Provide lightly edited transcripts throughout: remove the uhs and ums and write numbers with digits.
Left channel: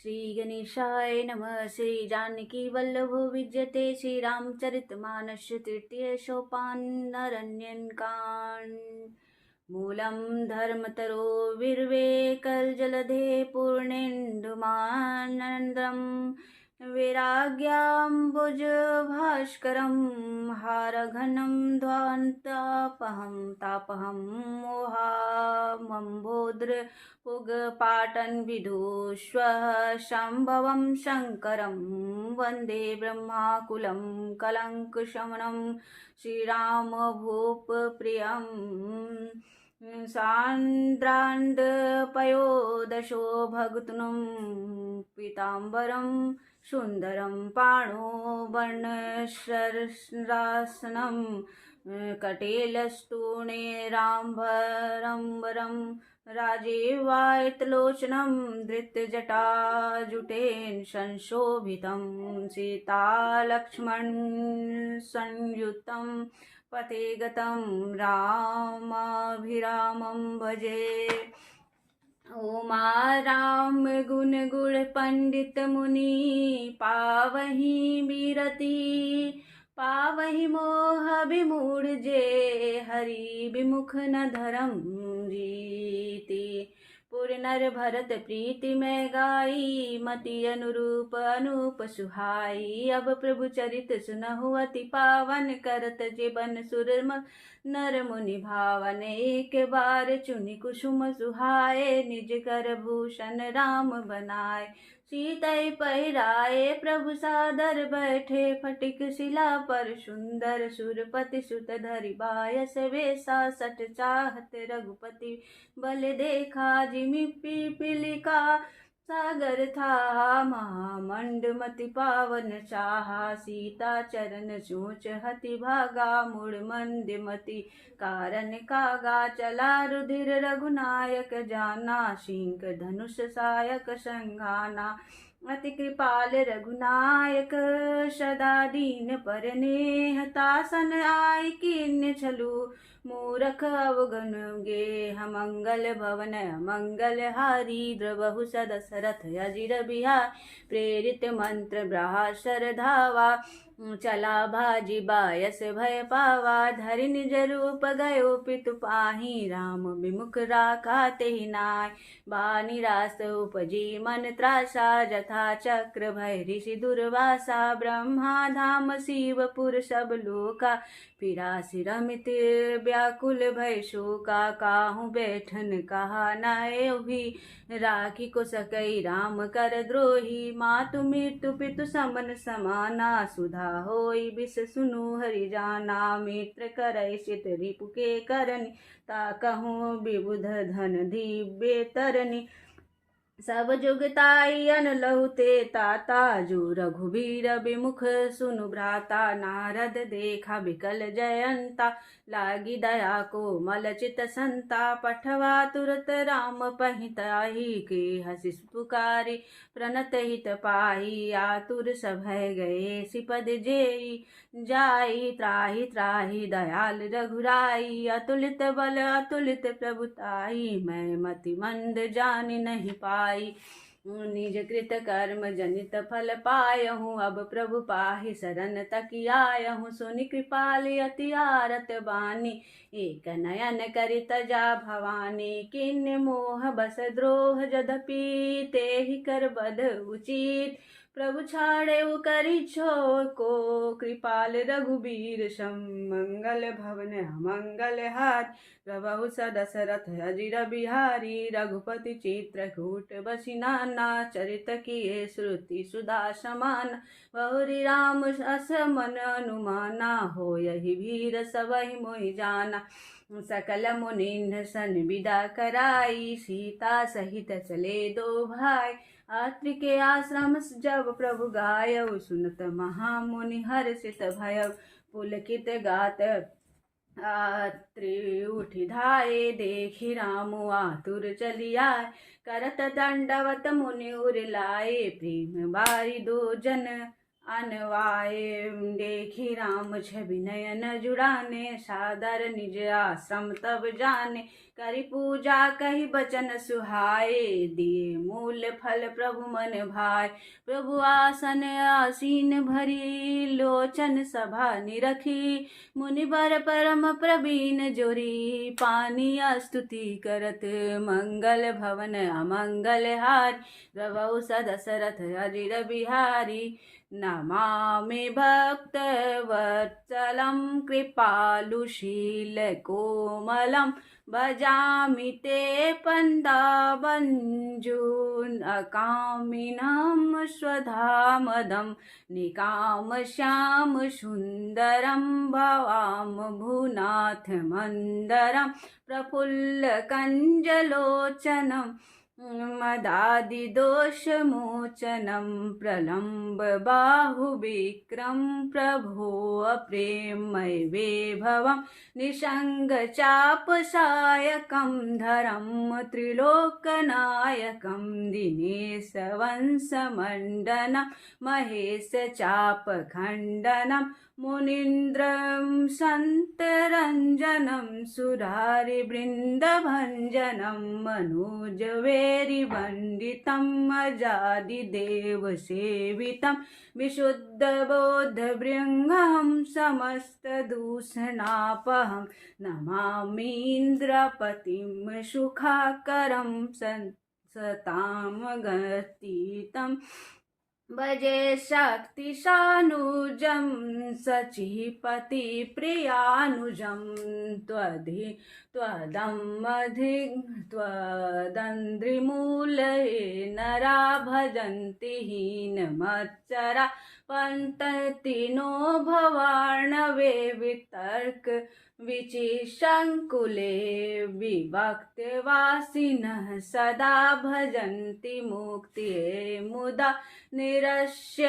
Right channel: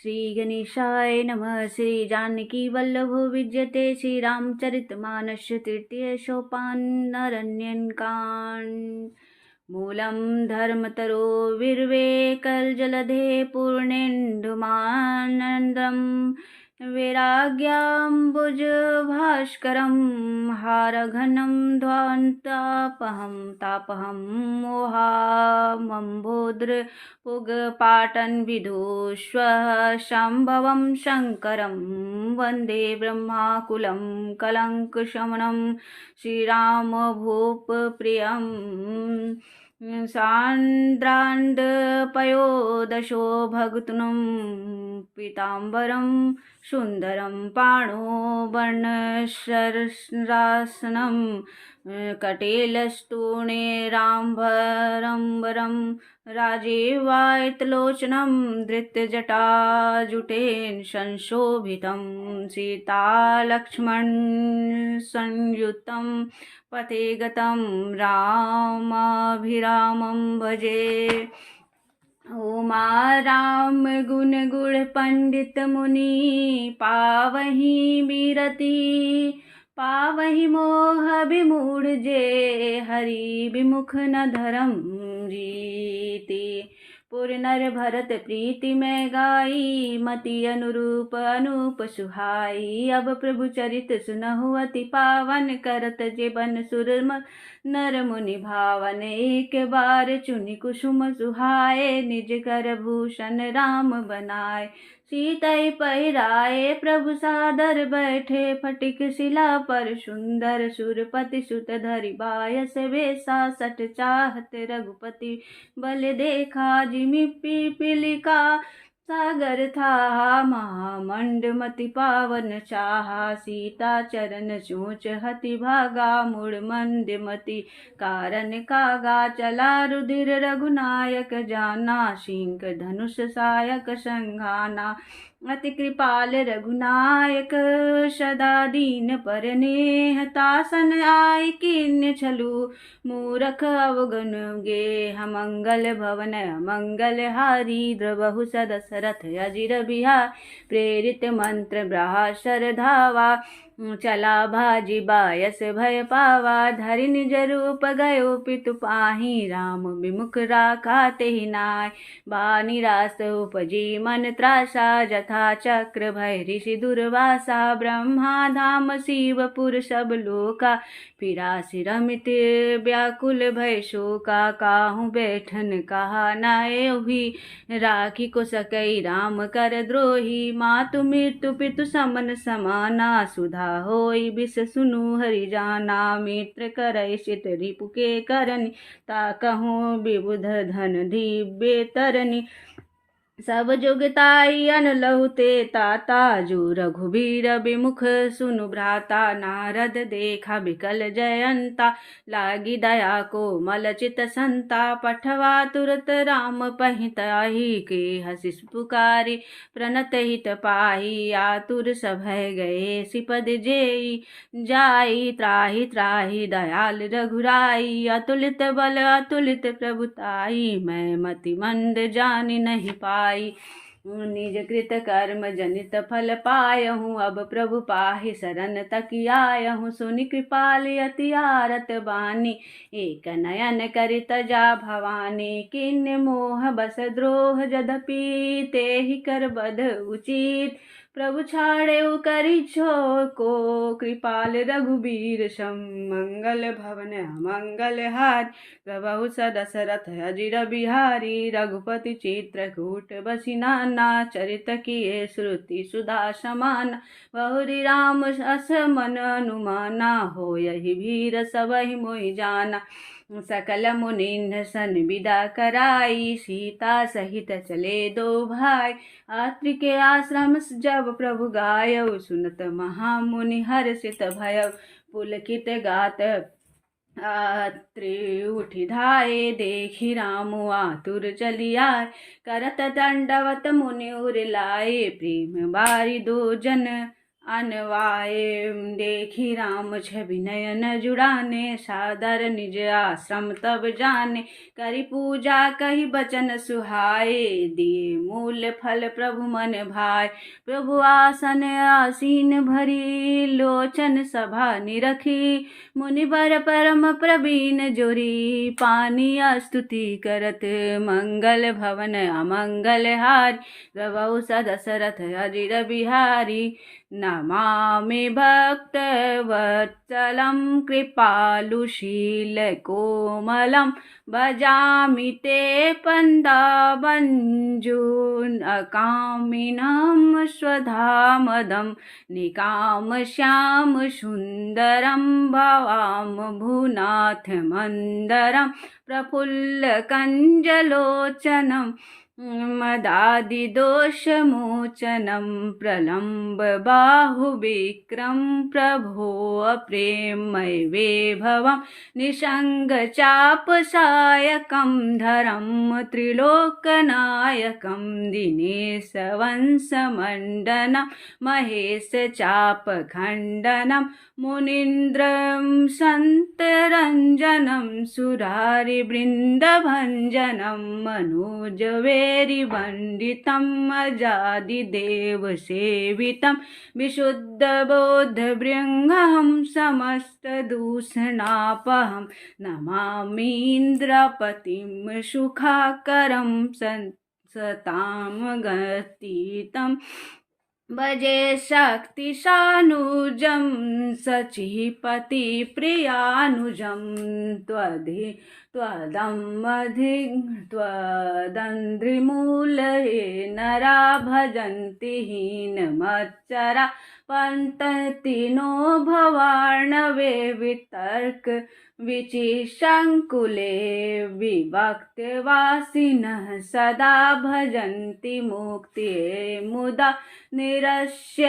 श्री गणेशाय नमः। श्री जानकी वल्लभो विद्यते श्री रामचरितमानस तृतीय सोपान अरण्यकांड। मूलं धर्मतरो विर्वेकलजलधे पूर्णेन्दुमानन्दं वैराग्याम्बुजभास्करं हारघनं ध्वान्तापहं तापहं मोहामम्बोद्रपुगपाटन् विदुष्वः शम्भवं शङ्करं वन्दे ब्रह्माकुलं कलङ्कशमनं श्रीरामभूपप्रियम्। सान्द्रान्दपयोदशो भगतुनं पीताम्बरं सुन्दरं पाणो वर्णशरासनं कटेलस्तूणेराम्बरं राजीवायतलोचनं धृतजटाजुटेन संशोभितं सीतालक्ष्मण संयुतं पथे गतं रामाभिरामं भजे। ओमा राम गुण गुण पंडित मुनि पावहि बिरति पावहि मोह विमूढ़ जे हरि विमुख न धरम रीति। पुर नर भरत प्रीति में गाई मति अनुरूप अनूप सुहाई। अब प्रभु चरित सुनहु अति पावन करत जीवन सुर नर मुनि भावन। एक बार चुनि कुसुम सुहाए निज कर भूषण राम बनाए। सीतै पहिराए प्रभु सादर बैठे फटिक शिला पर सुंदर सुरपति सुत धरि बायस वेसा सठ चाहत रघुपति बल देखा। जिमि पीपीलिका सागर था महामंडमति पावन चाहा। सीता चरण चूच हति भागा मुड़ मंदमति कारण कागा। चला रुधिर रघुनायक जाना सिंह धनुष सायक संघाना। अति कृपाल रघुनायक सदा दीन पर नेह तासन आय किन्य छलु मूरख अवगुण गे। मंगल भवन मंगल हारी द्रवहु सदशरथ अजिर बिहार। प्रेरित मंत्र ब्रासर धावा चला भाजी बायस भय पावा। धरि निज रूप गयो पितु पाहि राम विमुख राखा तेहि नाय। बानी रास उपजी मन त्रासा जथा चक्र भय ऋषि दुर्वासा। ब्रह्मा धाम शिवपुर सब लोका फिरासि रमित व्याकुल भय शोका। काहू बैठन कहा नाहि राखी को सकई राम कर द्रोही। मातु मृत्यु पितु समन समाना सुधा होई बिस सुनु हरि जाना। मित्र करय सित रिपु के करनि ता कहूँ विबुध धन दिव्य तरनि। सब जुगताई अनलहु ते ताता जो रघुबीर विमुख सुनु भ्राता। नारद देखा बिकल जयंता लागी दया को मलचित संता। पठवा तुरत राम पहिताही के हसिस पुकारी प्रणत हित पाही। आतुर सभय गए सिपद जेई जाई त्राहि त्राहि दयाल रघुराई। अतुलित बल अतुलित प्रभुताई मैं मति मंद जान नहीं पाई। निज कृत कर्म जनित फल पायहूँ अब प्रभु पाहि शरण तक आयहूँ। सुनि कृपाल अति आरत बानी एक नयन करित जा भवानी। किन्ने मोह बस द्रोह जदपि तेहि कर बध उचित। प्रभु छाड़े करि छो को कृपाल रघुबीर सम। मंगल भवन मंगल हार प्रभु सदशरथ अजिर बिहारी। रघुपति चित्रकूट बसी नाना चरित किए श्रुति सुधा समान। बहुरी राम अस मन अनुमाना हो यही वीर सबहि मोहि जाना। सकल मुनिन्द सन विदा कराई सीता सहित चले दो भाई। अत्रि के आश्रम जब प्रभु गायौ सुनत महामुनि हर्षित भयौ। पुलकित गात अत्रि उठि धाये देखि राम आतुर चली आए। करत दंडवत मुनि उर लाए प्रेम बारी दो जन अनवाए देखी राम छवि नयन जुड़ाने, सादर निज आश्रम तब जाने, करी पूजा कही बचन सुहाए, दिए मूल फल प्रभु मन भाए। प्रभु आसन आसीन भरी, लोचन सभा निरखी, मुनिवर परम प्रवीण जोरी, पानी स्तुति करत मंगल भवन अमंगल हारी, गवौ सदशरथ अजिर बिहारी। नमामि भक्तवत्सलं कृपालुशीलकोमलं, भजामि ते पन्दाबञ्जून् अकामिनं स्वधामदं, निकामश्याम सुन्दरं भवाम भूनाथमन्दरं, प्रफुल्लकञ्जलोचनं मदादिदोषमोचनं, प्रलम्बबाहुविक्रं प्रभो प्रेममय विभवं, निसङ्गचापसायकं धरं त्रिलोकनायकं, दिनेशवंशमण्डनं महेशचापखण्डनं, मुनीन्द्रं सन्तरञ्जनं, सुरारिवृन्दभञ्जनं, मनोजवेरिवन्दितम् अजादिदेवसेवितं, विशुद्धबोधभृङ्गहं समस्तदूषणापहं, नमामीन्द्रपतिं सुखाकरं सतां गतीतं, भजे शक्तिशानुजं सचिपतिप्रियानुजं, त्वदन्ध्रिमूलये नरा भजन्ति हीनमच्चरा, पन्तति नो भवार्णवे वितर्क विचिशङ्कुले, विभक्तवासिनः सदा भजन्ति मुक्तिये मुदा, निरस्य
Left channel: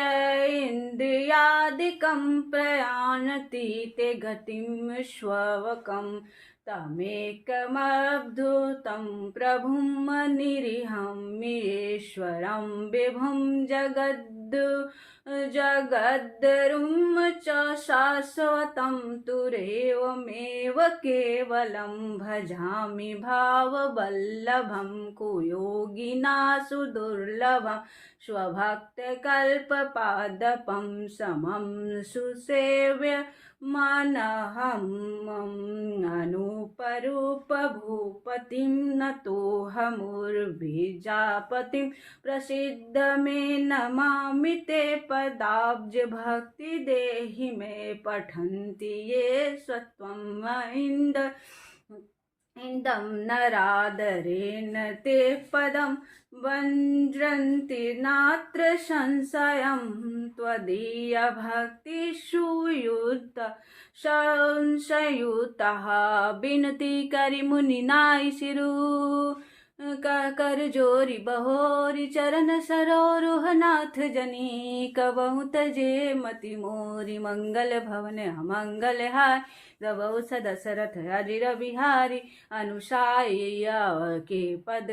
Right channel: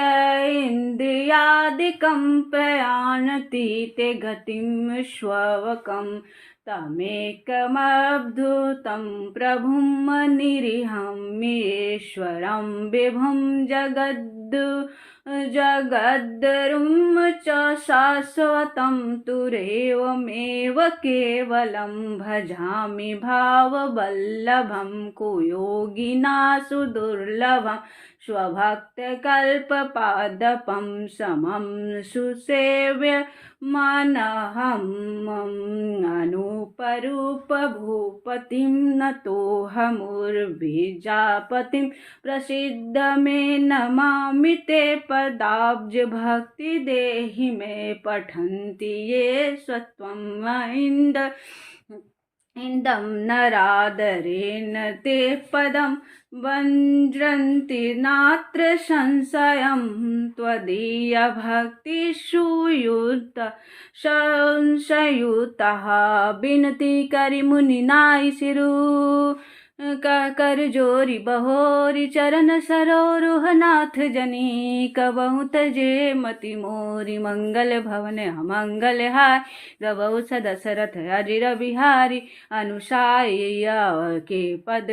इन्द्रियादिकं प्रयान्ति ते गतिं श्ववकं, तमेकमद्भुतं प्रभुं निरीहमीश्वरं विभुं जगद्गुरुं च शाश्वतं, तुरेवमेव केवलं भजामि भाववल्लभं, कुयोगिनासु दुर्लभं, स्वभक्तकल्पपादपं समं सुसेव्यमानहम्, अनूपरूपभूपतिं नतोऽहमुर्विजापतिं, प्रसीद मे नमामि ते पदाब्ज, भक्ति देहि मे पठन्ति ये स्वत्वम् इन्दं नरादरेण ते पदं, वज्रन्ति नात्र संशयं, त्वदीयभक्तिषुयुतः विनति करि मुनिनाय सिरु, कर जोरी बहोरी चरण सरोरुह नाथ जनी, कबहु तजे मति मोरी, मंगल भवन अमंगल हाय, गवौ दशरथ अजिर बिहारी, अनुसाया के पद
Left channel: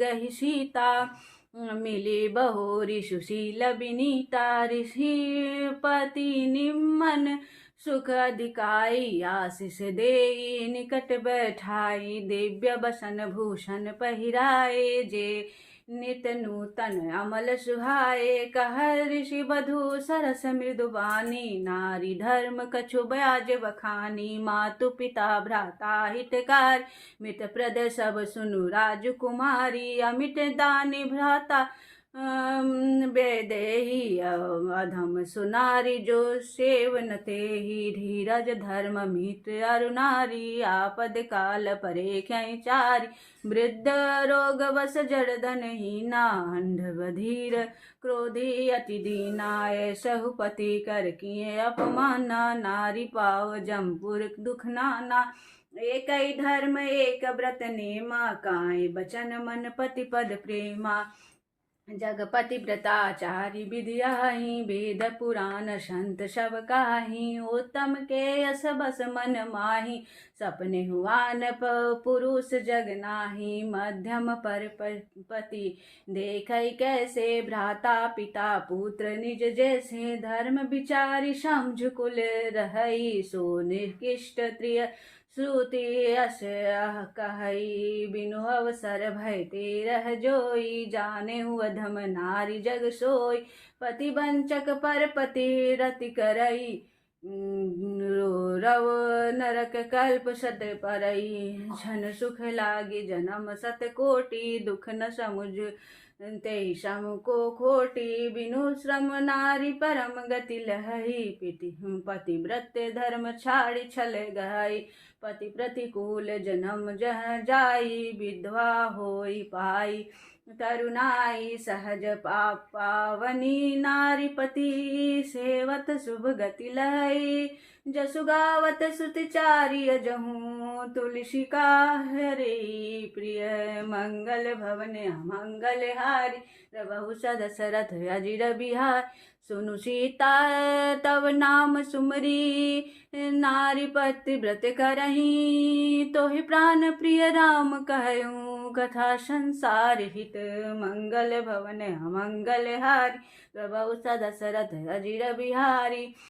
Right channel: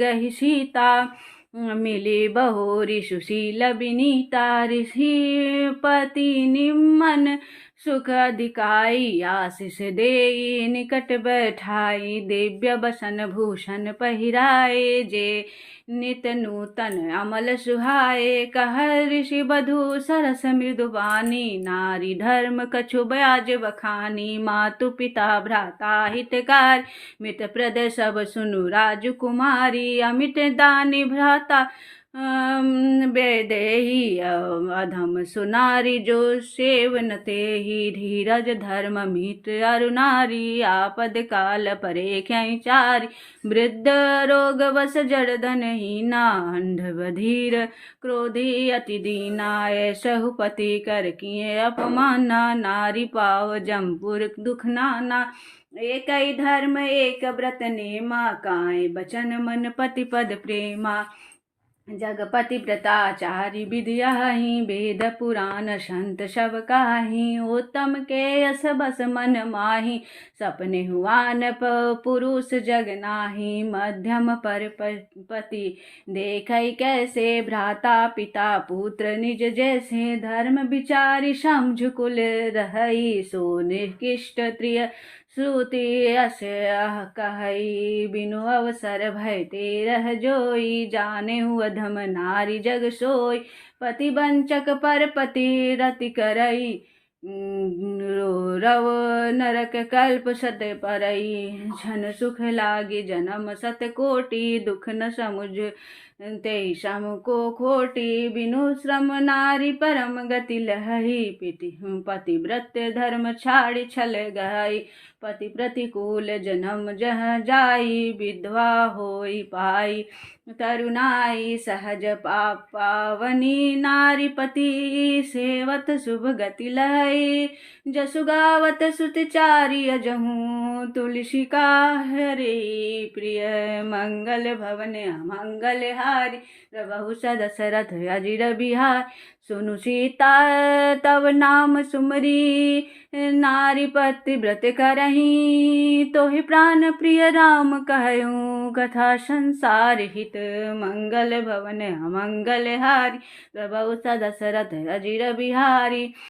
गहि सीता, मिली बहोरी सुशील विनीता, ऋषिपति निम्न सुख अधिकाई, आशीष देई निकट बैठाई, दिव्य बसन भूषण पहिराए, जे नित नूतन अमल सुहाए, कहर ऋषि बधू सरस मृदुबानी, नारी धर्म कछु ब्याज बखानी, मातु पिता भ्राता हितकार, मित प्रद सब सुनु राजकुमारी, अमित दानी भ्राता बेदेही, अधम सुनारी जो सेवन तेहि, धीरज धर्म मित्र अरुनारी, आपद काल परे चारी, वृद्ध रोग बस जड़धन हीना, अंध बधीर क्रोधी अति दीना, सहुपति कर किए अपमाना, नारी पाव जमपुर दुख नाना, एक ही धर्म एक व्रत नेमा, काए बचन मन पति पद प्रेमा, जगपति व्रताचारी विद्याहि वेद पुराण संत सब काही। उत्तम के यस बस मन माही सपने हुआन पुरुष जग नाही। मध्यम पर पति देखै कैसे भ्राता पिता पुत्र निज जैसे। धर्म विचारी समझ कुल रहई सो निकृष्ट त्रिय श्रुति अस कहई। बिनु अवसर भय ते रह जोई जाने अधम नारी जग सोई। पति वंचक पर पति रति करई रव नरक कल्प सत परई। झन सुख लागी जन्म सत कोटि दुख न समुझ ते सम को खोटी। बिनु श्रम नारी परम गति लहई पतिव्रत धर्म छाड़ी छल गई। पति प्रतिकूल जन्म जह जाई विधवा होई पाई। तरुणाई सहज पावनी नारी पति सेवत शुभ गति लय। जसु गावत सुतचारी अजहू तुलसी का हरे प्रिय। मंगल भवन अमंगल हारी प्रभु सदशरथ अजिर बिहार। सुनु सीता तव नाम सुमरी नारी पति व्रत करही। तोहि प्राण प्रिय राम कहूँ कथा संसार हित। मंगल भवन अमंगल हारी प्रभु सदशरथ अजिर बिहारी।